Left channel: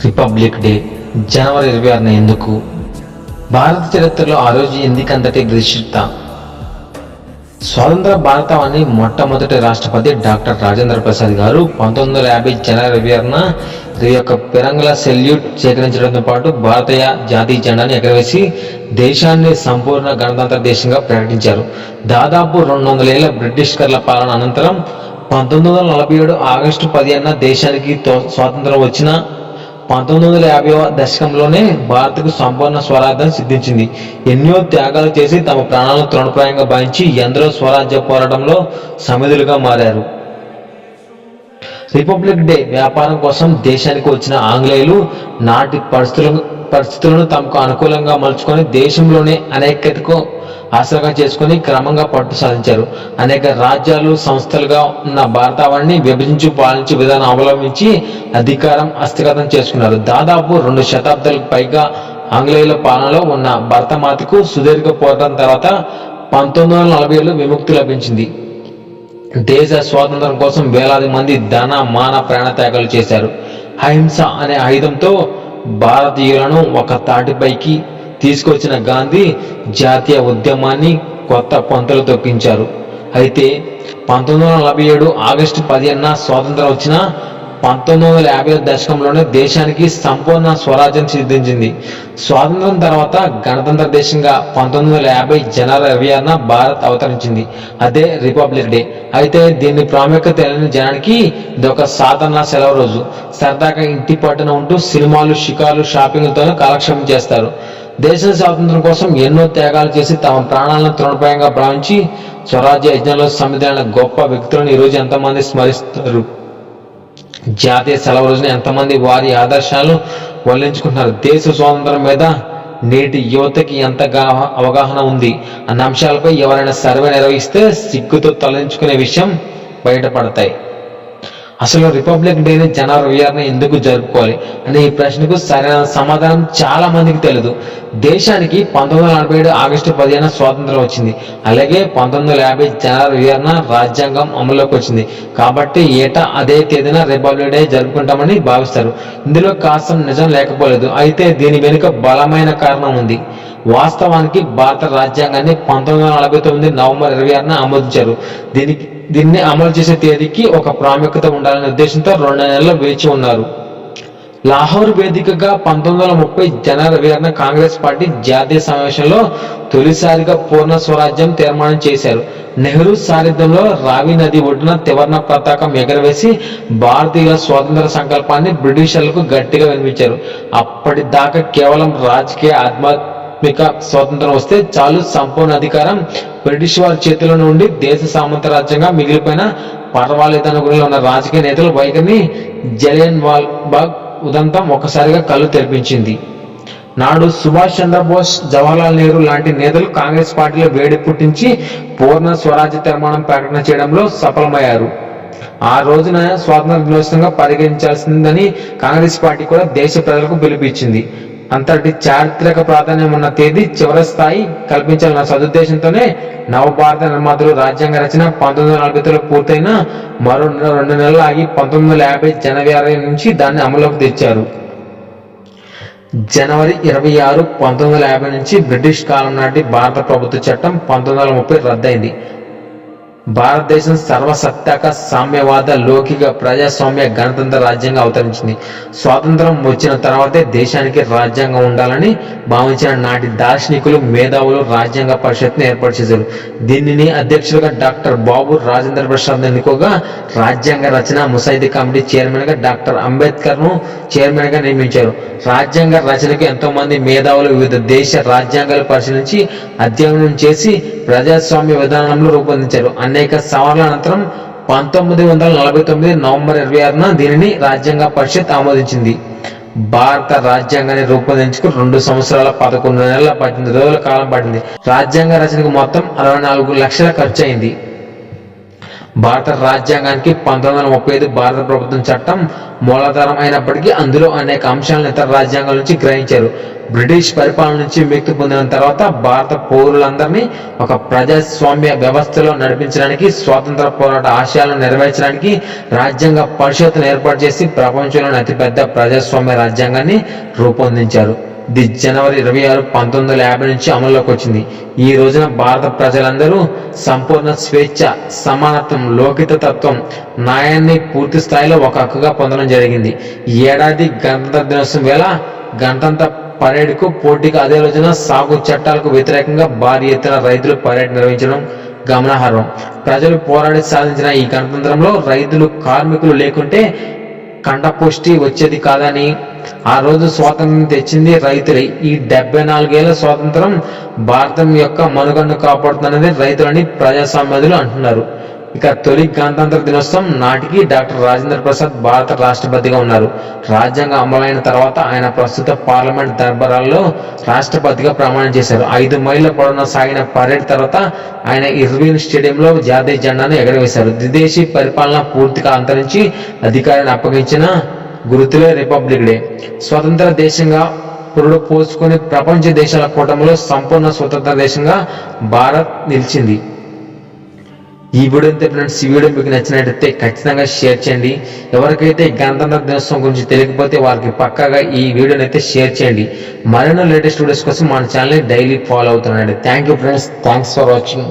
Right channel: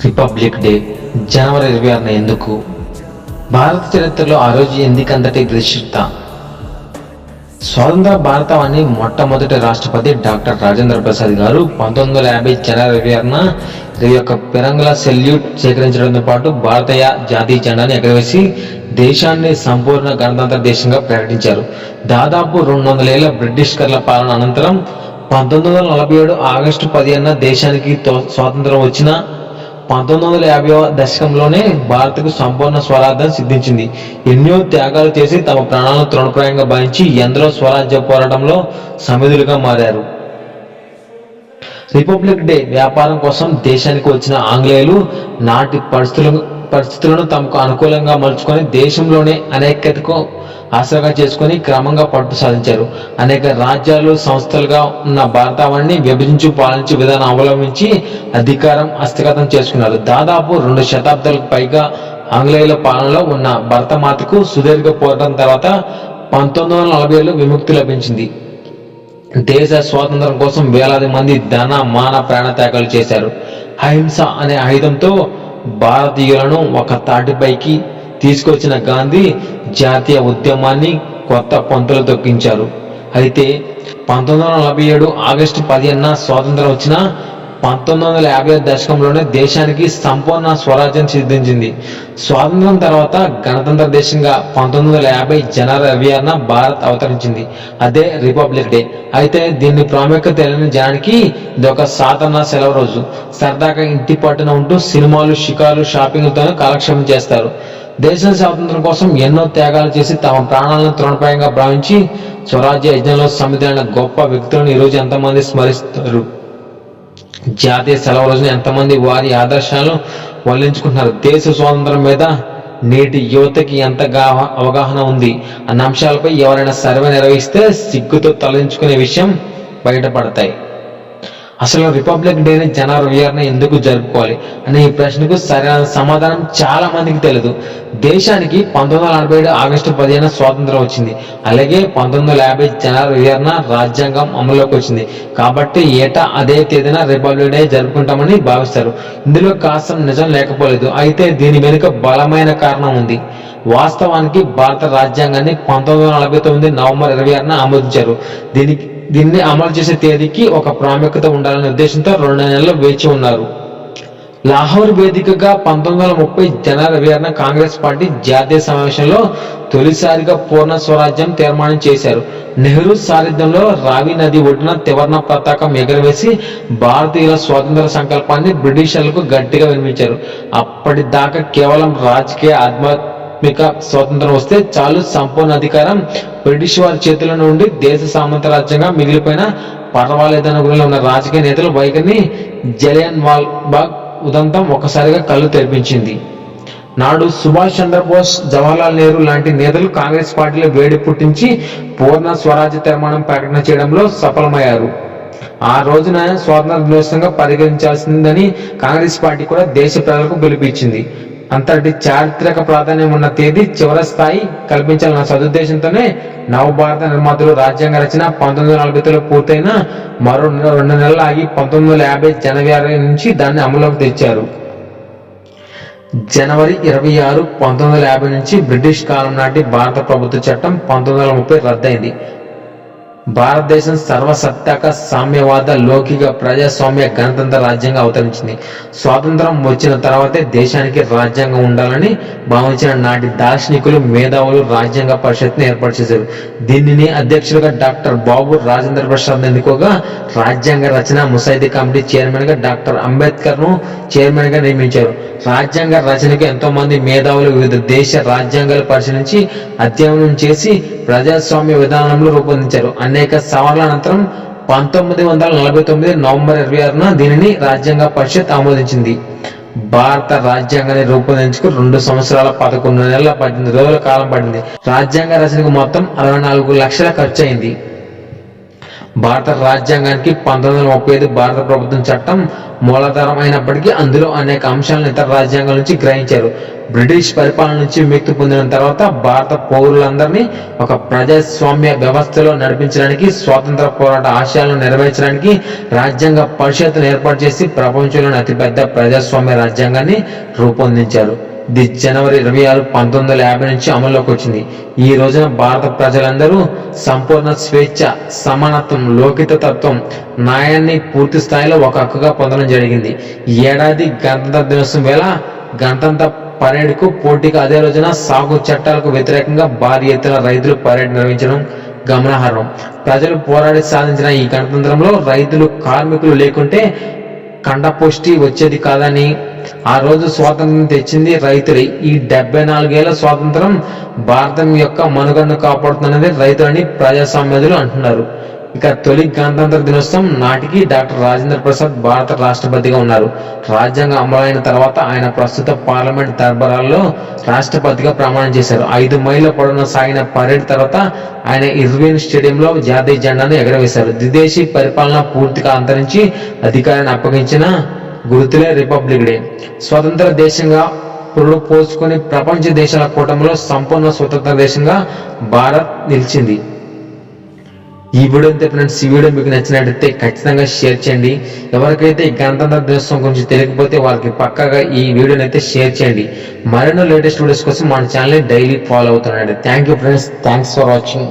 Republic day జనవరి 26న ఎందుకు? భారత చరిత్రలో ఆ రోజు ఎందుకంతటి విశిష్టత? స్వతంత్ర భారతావని మొట్టమొదటి రాష్ట్రపతి డాక్టర్ రాజేంద్ర ప్రసాద్ గారు 1950 జనవరి 26న 21 పిరంగుల సెల్యూట్ సేకరించడంతో పాటు భారతీయ జాతీయ జెండాను ఎగరవేసి దేశాన్ని సంపూర్ణ గణతంత్ర దేశంగా ప్రకటించారు. దాదాపు 200 ఏళ్ల బ్రిటిషర్ల పాలన అనంతరం 1947 ఆగస్టు 15న దేశానికి స్వాతంత్రం వచ్చిన 1950వ దశకంలోనే భారత్కు సంపూర్ణ స్వరాజ్యం సిద్ధించింది. ఎన్నో త్యాగాలు చేసి తమ ప్రాణాలను తృణప్రాయంగా భావించి ఎందరో స్వరాజ్య పోరాటంలో సమిధులుగా మారారు. రిపబ్లిక్ డే వ్యాపారం కోసం దేశానికి వచ్చిన ఆంగ్లేయులు నాటి పరిస్థితులను తమకు అనుకూలంగా మలుచుకొని దేశంలోనే అనైక్యతకు ఆసరాగా చేసుకుని క్రమంగా పట్టు సాధించారు. అనేక రాజ్యాలు సంస్థలుగా ఉన్న భారతావనిని విభజించి పాలించే విధానం అవలంబించి అధికారం హస్తగతం చేసుకున్నారు. దాదాపు 2 శతాబ్దాలకు పైగా ఆంగ్లేయుల పాలనలో ఉన్న భరతమాతకు సుదీర్ఘ పోరాటం తర్వాత 1947లో విముక్తి లభించింది. దేశ స్వాతంత్రం కోసం వేలాది మంది ధన మాన ప్రాణత్యాగాలు చేశారు. అహింస అనే ఆయుధంతో భారతీయులను ఒక తాటిపైకి తీసుకొచ్చిన గాంధీ జాతీయ ఉద్యమాన్ని కొత్త పంతులు తొక్కించారు. అయితే 1947 ఆగస్టు 15న స్వాతంత్రం వచ్చిన 1950 దశకంలోనే దేశానికి సంపూర్ణ స్వరాజ్యం సిద్ధించింది. స్వాతంత్రం తర్వాత గణతంత్ర దేశంగా 1950 జనవరి 26న భారత్ అవతరించింది. అదే రిపబ్లిక్ డే. అయితే దీన్ని ప్రాముఖ్యత తెలియని జనానికి ఇదొక సాధారణ సెలవు రోజు. సరదాగా ఇంటి పట్టున ఉంటూ సినిమాలు, షికార్లు, షాపింగ్లతోనే కాలక్షేపం చేస్తారు. దేశ స్వాతంత్రం కోసం ఎన్నో త్యాగాలు చేసి తమ ప్రాణాలను తృణప్రాయంగా భావించి స్వరాజ్య యజ్ఞంలో సమిధైన గొప్ప వ్యక్తులను ఈరోజు ఎంతమంది స్మరిస్తారు? జాతీయ సెలవు రోజున ఎంతమంది వారి ఆదర్శాలను వల్లించుకుంటున్నారు? దేశ స్వాతంత్రం మీద నేటి యువతకి ఎంతగా అవగాహన ఉంది అన్న అంశాలపై ఎవరైనా సర్వే నిర్వహిస్తే సిగ్గుతో తలదించుకునే విషయం బయటపడతాయి. అసలు రిపబ్లిక్ డేని జనవరి 26న ఎందుకు జరుపుకోవాలి అనే ఈ ప్రశ్నకు సరైన సమాధానం చాలా మందికి తెలియదు. దేశానికి 1947 ఆగస్టు 15న స్వాతంత్రం వచ్చింది. అలాగే 1950 జనవరి 26న రాజ్యాంగం అమల్లోకి వచ్చింది. కాబట్టి ఏటా అదే తేదీన రిపబ్లిక్ డే జరుపుకుంటామని భావిస్తారు. ఇందులో కాస్త నిజం లేకపోలేదు. అయితే దీని వెనుక బలమైన కారణం ఉంది. వాస్తవానికి భారత రాజ్యాంగాన్ని 1949 నవంబర్ 26న ఆమోదించారు. దీన్ని అమలు చేసే తేదీకి ఒక ప్రాముఖ్యత ఉండాలనే ఉద్దేశంతో 2 నెలలు వేచి ఉన్నారు. లాహోర్ వేదికగా 1930 జనవరి 26న కాంగ్రెస్ పార్టీ జాతీయ సమావేశంలో తొలిసారిగా పూర్ణ స్వరాజ్యం తీర్మానం చేశారు. నెహ్రూ సారథ్యంలో రావి నది ఒడ్డున త్రివర్ణ పతాకం ఎగరవేసి భారతీయుల స్వాతంత్ర సంకల్పాన్ని బ్రిటిషర్లకు గట్టిగా వినిపించారు. అప్పటిదాకా కేవలం రాజకీయ ఆధ్యాత్మిక స్వాతంత్రం వస్తే చాలు, సంపూర్ణ అధికారం బ్రిటిష్ వారి చేతిలో నుండి దేశ సామంత రాజ్యంగా మిగిలిపోయినా పర్వాలేదన్న గురిలో ఉన్న రాజకీయ నేతల వైఖరిని జలియన్ వాలా బాగ్ ఉదంతం ఒక్కసారిగా కళ్ళు తెరిపించింది. నాడు సుభాష్ చంద్రబోస్, జవహర్లాల్ నెహ్రూ లాంటి నేతలు కాంగ్రెస్ పార్టీలో వేడి పుట్టించి పూర్ణ స్వరాజ్య తీర్మానం ప్రకటన చేయడంలో సఫలమయ్యారు. ఆ రోజున స్వాతంత్ర దినోత్సవంగా పరిగణించాల్సిందని కాంగ్రెస్ పార్టీ కూడా దేశ ప్రజలకు పిలుపునిచ్చింది. అంతటి చారిత్రక ప్రాధాన్యం ఉన్న తేదీ చివరి స్థాయి కల్పించాలన్న సదుద్దేశంతోనే నవభారత నిర్మాతలు రాజ్యాంగ రచన 1949లో పూర్తయిన మరో 2 నెలలు ఆగి 1950 జనవరి నుంచి దాన్ని అమలులోకి తెచ్చారు. జనవరి 26, 1950 నుంచి బ్రిటిష్ కాలం నాటి భారత ప్రభుత్వ చట్టం 1930 రద్దయింది. భారతదేశం సర్వసత్తాక సామ్యవాద లౌకిక ప్రజాస్వామ్య గణతంత్ర రాజ్యంగా అవతరించింది. స్వాతంత్రం వచ్చిన తర్వాతే దేశానికి రాజ్యాంగం ఉండాలని భావించిన నాటి దార్శనికులు, మేధావులు రాజ్యాంగ పరిషత్ని ఏర్పాటు చేశారు. దీనిని అధ్యక్షులుగా డాక్టర్ బాబు రాజేంద్ర ప్రసాద్ ఎన్నుకోగా రాజ్యాంగ రచన ముసాయిదా కమిటీ చైర్మన్ గా డాక్టర్ అంబేద్కర్ ను చైర్మన్ గా నియమించారు. రాజ్యాంగ రచనకు ఎంతో మంది మేధావులు వివిధ దేశ రాజ్యాంగాలు పరిశీలించి అధ్యయనం చేసి ప్రజాస్వామ్య విధానంలో రూపొందించారు. అనేక సవాళ్ల అనంతరం 1949 నవంబర్ 26న దీనిని రాజ్యాంగ పరిషత్ ఆమోదించింది. భారత రాజ్యాంగాన్ని రూపొందించుకు 2 సంవత్సరాల 11 నెలల 18 రోజుల కాలం పడింది. రాజ్యాంగ రచనకు మొత్తం 64 లక్షల ఖర్చు అయింది. భారత రాజ్యాంగానికి 1935 భారత ప్రభుత్వం చట్టం మూలాధారం అయినప్పటికీ అందులో అనేక అంశాలను ఇతర రాజ్యాంగాల నుంచి గ్రహించారు. బ్రిటిష్ పరిపాలన నుంచి విముక్తి పొందిన తర్వాత భారత పౌరులందరినీ ఒక ప్రజాస్వామ్య వ్యవస్థలో నడిపించడానికి, స్వాతంత్ర పోరాట ఆశయాలను నెరవేర్చడానికి రాజ్యాంగ పరిషత్తును ఏర్పాటు చేసి ప్రపంచంలోని అతిపెద్ద ప్రజాస్వామ్య రాజ్యాంగాన్ని రూపొందించారు. ఇది జనవరి 26, 1950 నుంచి అమల్లోకి వచ్చింది. ఈ రోజున భారత ప్రజలందరూ సంపూర్ణ స్వేచ్ఛ, సమానత్వం, లౌకికతత్వం, న్యాయాన్ని పూర్తి స్థాయిలో ఒక హక్కుగా పొందడం జరిగింది. ఈ ఏడాది గణతంత్ర దినోత్సవం వేళ గణతంత్ర పరేడ్కు పోటీగా అదే రోజున సాగు చట్టాలకు వ్యతిరేకంగా భారీ ఎత్తున రైతులు పరేడ్ నిర్వహించడం గమనార్హం. ప్రజలు పోరాడి సాధించిన ఈ గణతంత్రంలో రైతులు, కార్మికులు లేకుంటే కండపుష్టి వచ్చేది కాదని, ఆ రోజు స్వాతంత్రం తెచ్చింది రైతులే. ఈ 74 ఏళ్ల స్వాతంత్రం భారతం యొక్క మనుగడను కాపాడుతున్నది రైతులని ప్రజాస్వామ్యవాదులు అంటున్నారు. ఇక తొలి గణతంత్ర దినోత్సవం నాటికి డాక్టర్ రాజేంద్ర ప్రసాద్ భారత రాష్ట్రపతిగా ఉన్నారు. రాజ్యాంగం అమలైన తర్వాత ఆయన ప్రస్తుత పార్లమెంట్ దర్బారాల్లో రాష్ట్రపతిగా ప్రమాణం చేశారు. 5 మైళ్ళ పొడవున సాగిన పరేడ్ తర్వాత ఆయన ఇర్విన్ స్టేడియంలో జాతీయ జెండాను ఎగరవేశారు. విదేశీ పరిపాలన పూర్తిగా అంతరించి అధికారాన్ని అప్పగించిన గుర్తులే రిపబ్లిక్ డే. స్వతంత్ర దేశంగా పురుడు పోసుకొని ప్రపంచ దేశాల కూటమిలో సంపూర్ణ స్వతంత్ర దేశంగా భారత్ నిలిచింది. ఈ వీడియో అంతే ఫ్రెండ్స్. ఈ వీడియో మీకు నచ్చినట్లయితే ఖచ్చితంగా షేర్ చేయండి. ఎవరికైతే గణతంత్ర దినోత్సవం గురించి తెలియకపోతే వారికి పక్కాగా ఈ వీడియోని అయితే షేర్ చేయండి. మరెన్నో లేటెస్ట్ వీడియోస్ కోసం మన ఛానల్ని డైలీ ఫాలో అవుతున్నాండి. Thank you friends. Thanks for watching.